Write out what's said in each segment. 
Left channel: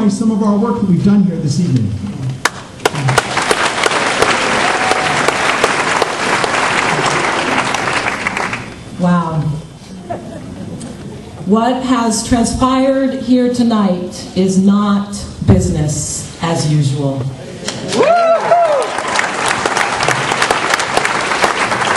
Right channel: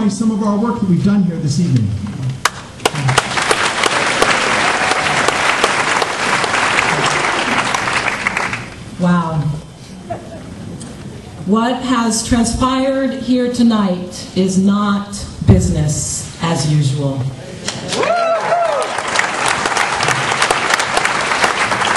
summarize some of our work that we've done here this evening. Wow. What has transpired here tonight is not business as usual.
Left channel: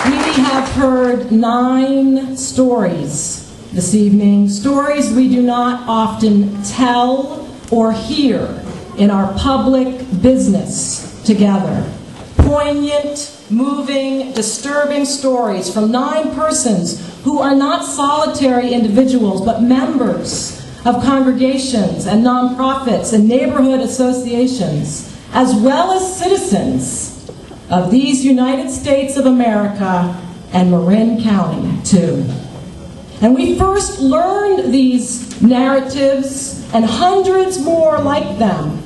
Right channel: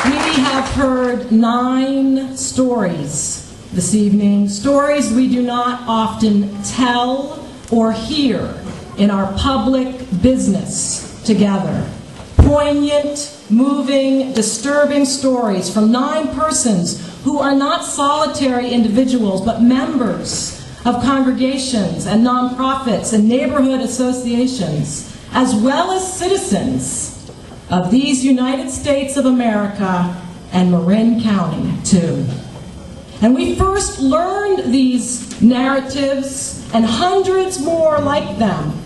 We have heard 9 stories this evening, stories we do not often tell or hear in our public business together. Poignant, moving, disturbing stories from 9 persons who are not solitary individuals, but members of congregations and nonprofits and neighborhood associations, as well as citizens of these United States of America and Marin County, too. And we first learned these narratives and hundreds more like them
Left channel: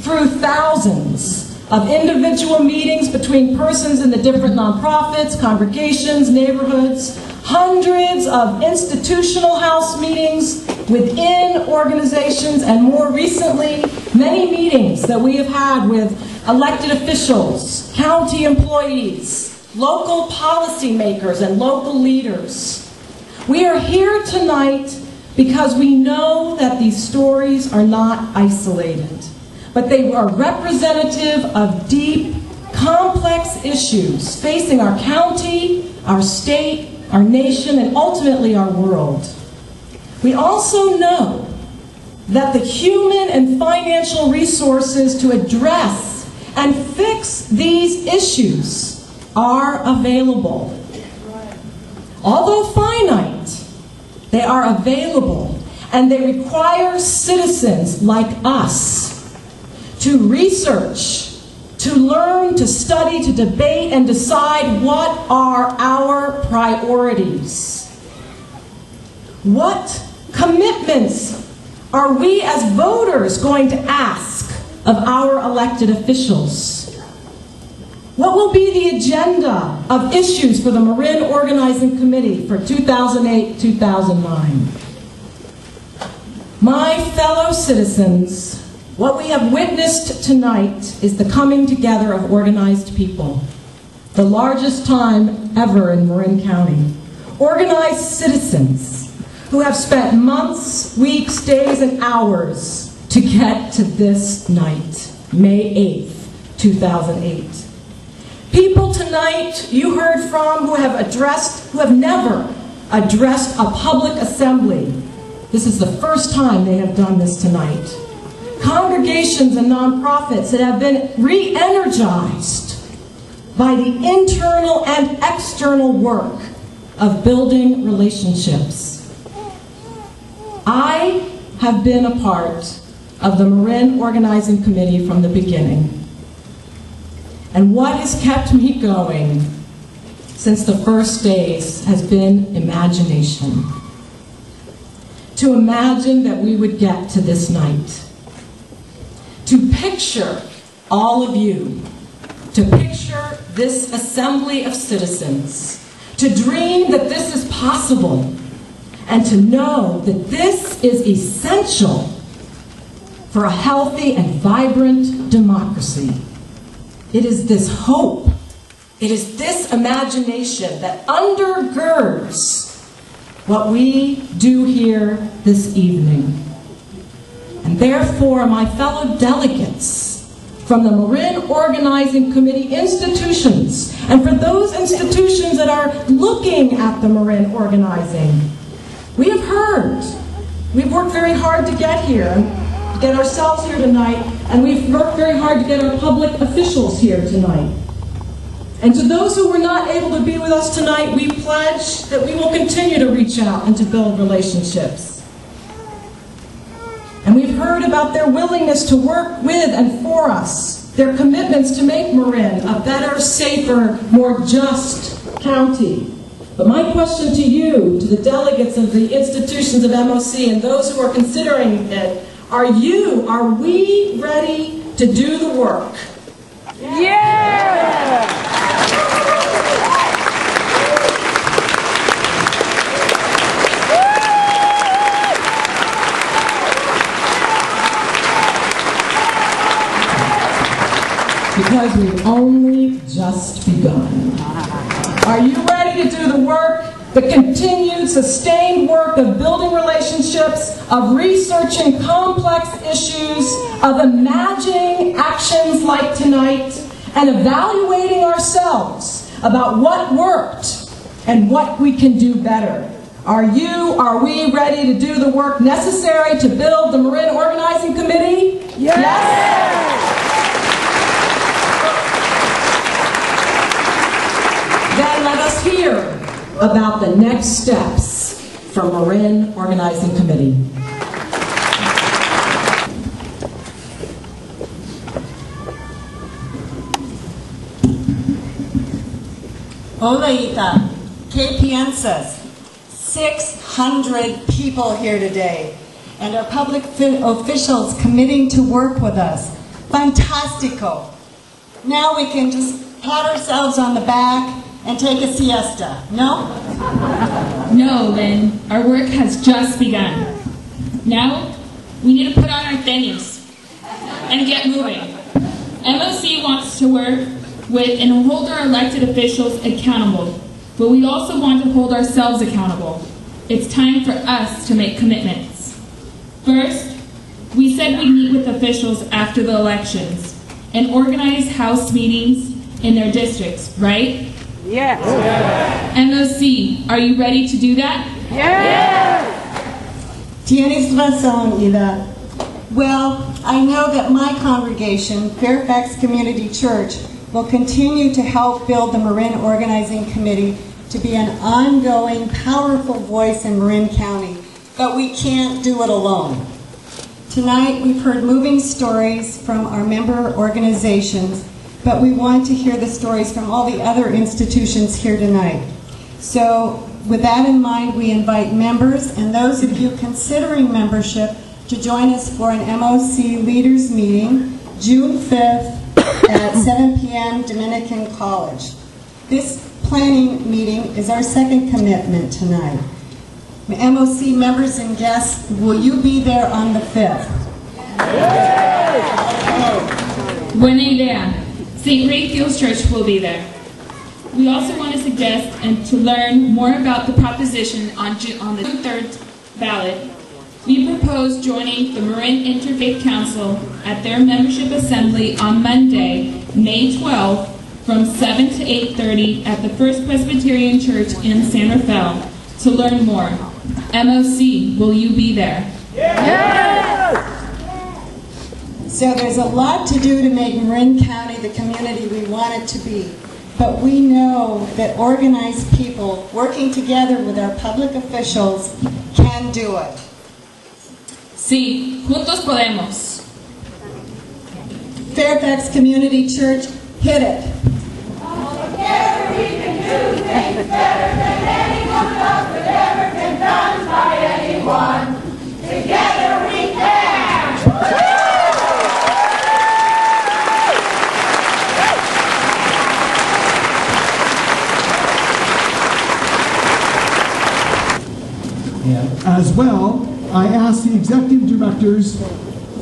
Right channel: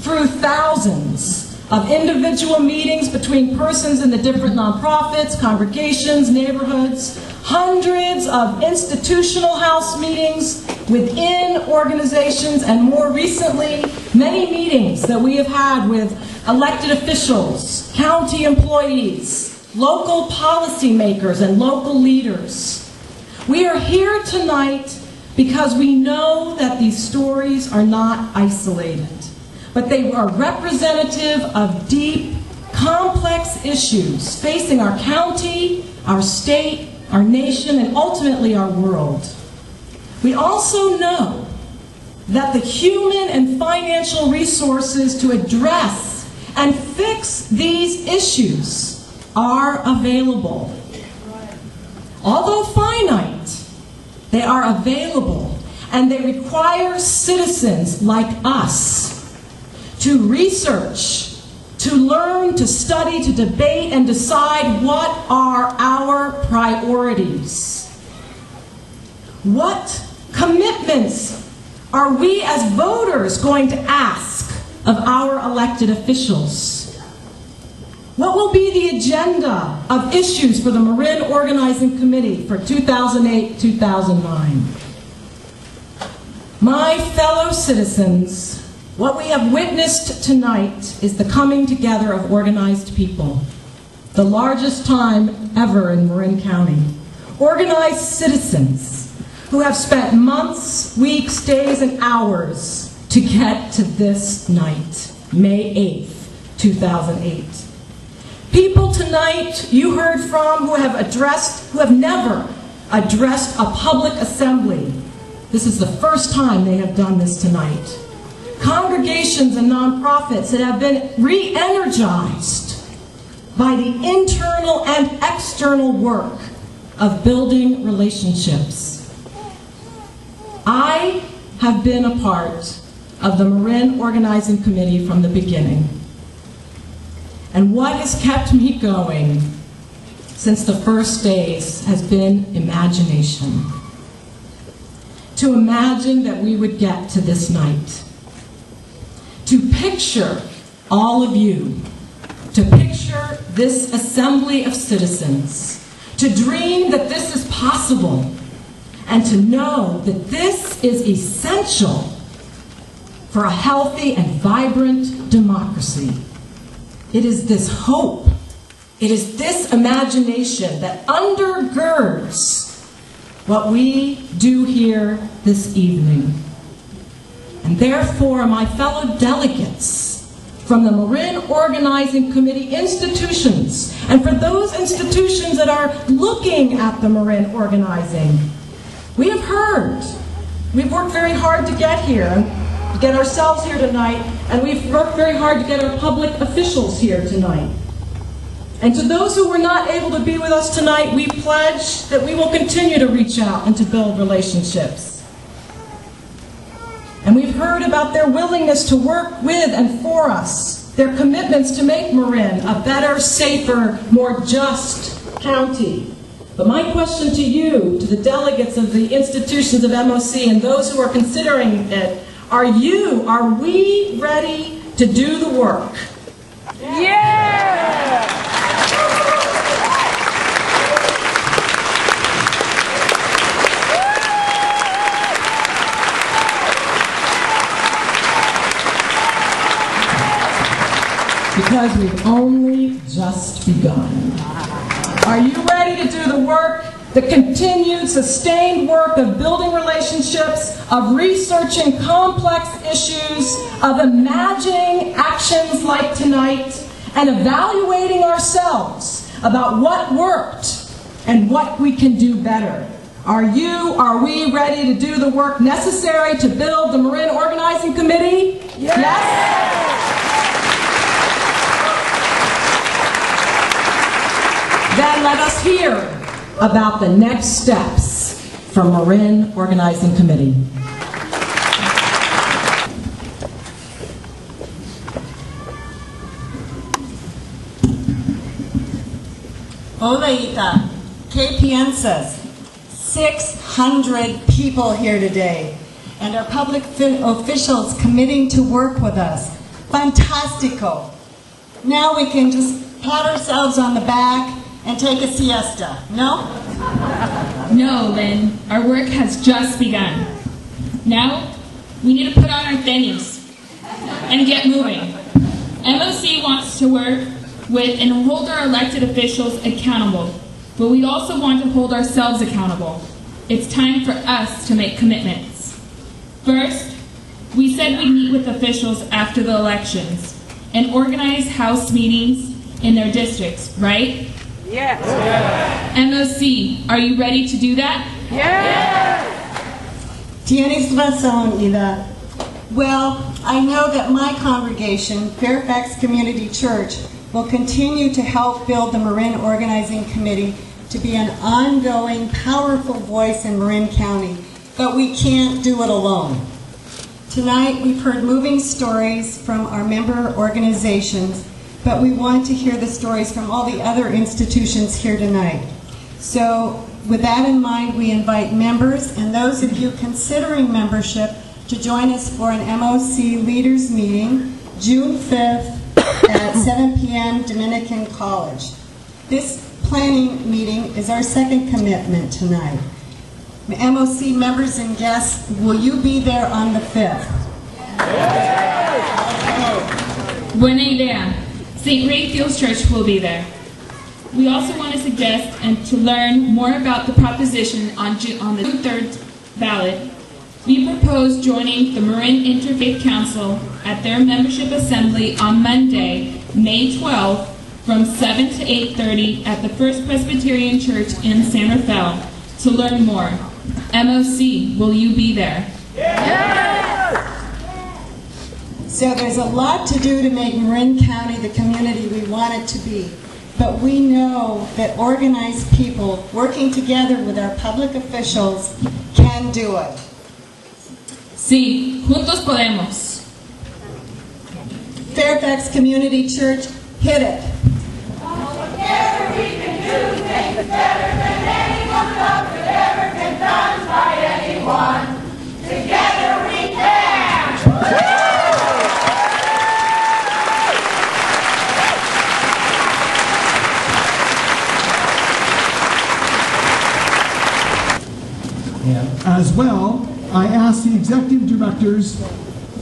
through thousands of individual meetings between persons in the different nonprofits, congregations, neighborhoods, hundreds of institutional house meetings within organizations, and more recently, many meetings that we have had with elected officials, county employees, local policymakers, and local leaders. We are here tonight because we know that these stories are not isolated, but they are representative of deep, complex issues facing our county, our state, our nation, and ultimately our world. We also know that the human and financial resources to address and fix these issues are available. Although finite, they are available, and they require citizens like us to research, to learn, to study, to debate, and decide what are our priorities. What commitments are we as voters going to ask of our elected officials? What will be the agenda of issues for the Marin Organizing Committee for 2008-2009? My fellow citizens, what we have witnessed tonight is the coming together of organized people, the largest time ever in Marin County. Organized citizens who have spent months, weeks, days, and hours to get to this night, May 8th, 2008. People tonight you heard from who have never addressed a public assembly. This is the first time they have done this tonight. Congregations and nonprofits that have been re-energized by the internal and external work of building relationships. I have been a part of the Marin Organizing Committee from the beginning. And what has kept me going since the first days has been imagination. To imagine that we would get to this night. To picture all of you. To picture this assembly of citizens. To dream that this is possible. And to know that this is essential for a healthy and vibrant democracy. It is this hope, it is this imagination that undergirds what we do here this evening. And therefore, my fellow delegates from the Marin Organizing Committee institutions, and for those institutions that are looking at the Marin Organizing, we have heard, we've worked very hard to get here, to get ourselves here tonight, and we've worked very hard to get our public officials here tonight. And to those who were not able to be with us tonight, we pledge that we will continue to reach out and to build relationships. And we've heard about their willingness to work with and for us, their commitments to make Marin a better, safer, more just county. But my question to you, to the delegates of the institutions of MOC and those who are considering it, are we ready to do the work? Yeah! because we've only just begun. Are you ready to do the work, the continued, sustained work of building relationships, of researching complex issues, of imagining actions like tonight, and evaluating ourselves about what worked and what we can do better? Are we ready to do the work necessary to build the Marin Organizing Committee? Yes! Then let us hear about the next steps from Marin Organizing Committee. Hola, Ita. ¿Qué piensas? 600 people here today, and our public officials committing to work with us. Fantastico. Now we can just pat ourselves on the back and take a siesta, no? No, Lynn. Our work has just begun. Now, we need to put on our tenis and get moving. MOC wants to work with and hold our elected officials accountable, but we also want to hold ourselves accountable. It's time for us to make commitments. First, we said we'd meet with officials after the elections and organize house meetings in their districts, right? Yes. MOC, are you ready to do that? Yes. Tienes razón, Ida. Well, I know that my congregation, Fairfax Community Church, will continue to help build the Marin Organizing Committee to be an ongoing, powerful voice in Marin County, but we can't do it alone. Tonight, we've heard moving stories from our member organizations, but we want to hear the stories from all the other institutions here tonight. So, with that in mind, we invite members and those of you considering membership to join us for an MOC Leaders Meeting, June 5th at 7 p.m. Dominican College. This planning meeting is our second commitment tonight. MOC members and guests, will you be there on the 5th? Buena idea. St. Raphael's Church will be there. We also want to suggest and to learn more about the proposition on the 3rd ballot. We propose joining the Marin Interfaith Council at their membership assembly on Monday, May 12th, from 7 to 8:30 at the First Presbyterian Church in San Rafael to learn more. MOC, will you be there? Yes. So there's a lot to do to make Marin County the community we want it to be. But we know that organized people working together with our public officials can do it. Sí, juntos podemos. Fairfax Community Church, hit it. Together we can do things better than anyone else could ever been done by anyone. Together we can. As well, I ask the executive directors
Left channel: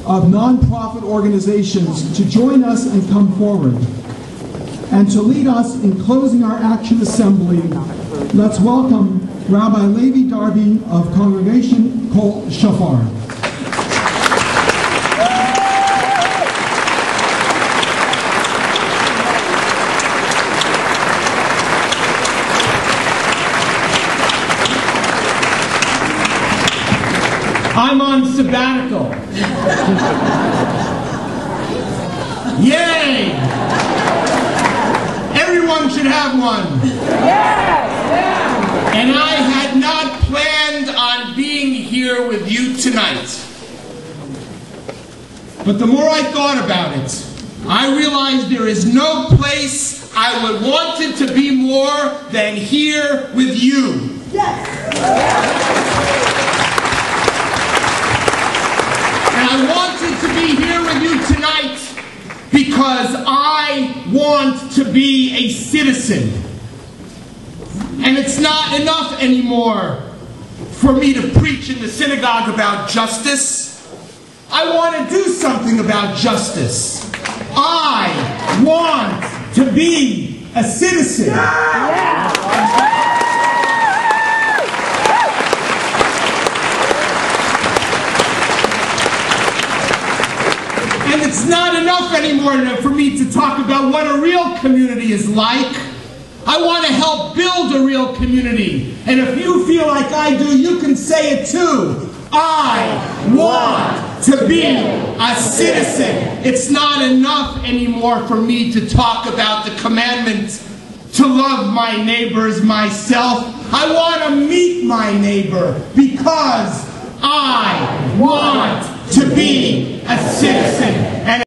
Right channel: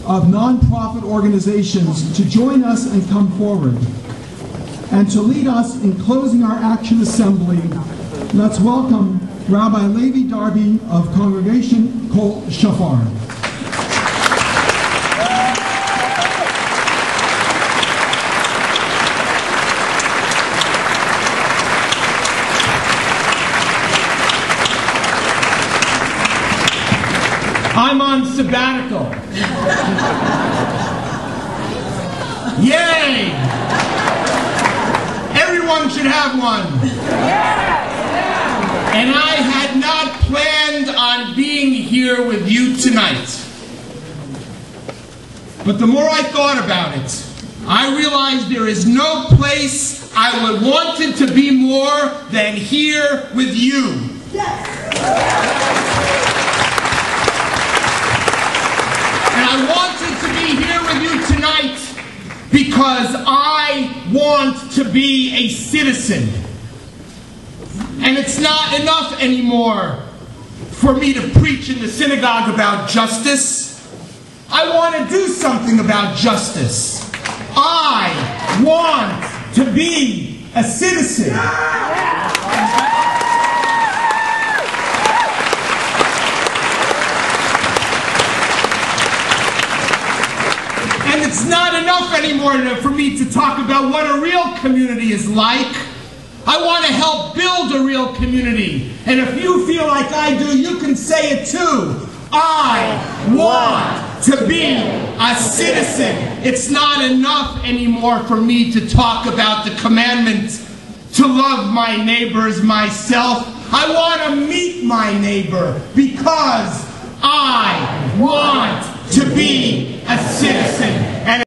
of nonprofit organizations to join us and come forward. And to lead us in closing our action assembly, let's welcome Rabbi Levi Darby of Congregation Kol Shafar. I'm on sabbatical. Yay! Everyone should have one. And I had not planned on being here with you tonight. But the more I thought about it, I realized there is no place I would want it to be more than here with you. And I wanted to be here with you tonight because I want to be a citizen. And it's not enough anymore for me to preach in the synagogue about justice. I want to do something about justice. I want to be a citizen. And it's not enough anymore for me to talk about what a real community is like. I want to help build a real community. And if you feel like I do, you can say it too. I want to be a citizen. It's not enough anymore for me to talk about the commandment to love my neighbor as myself. I want to meet my neighbor because I want to be a citizen. And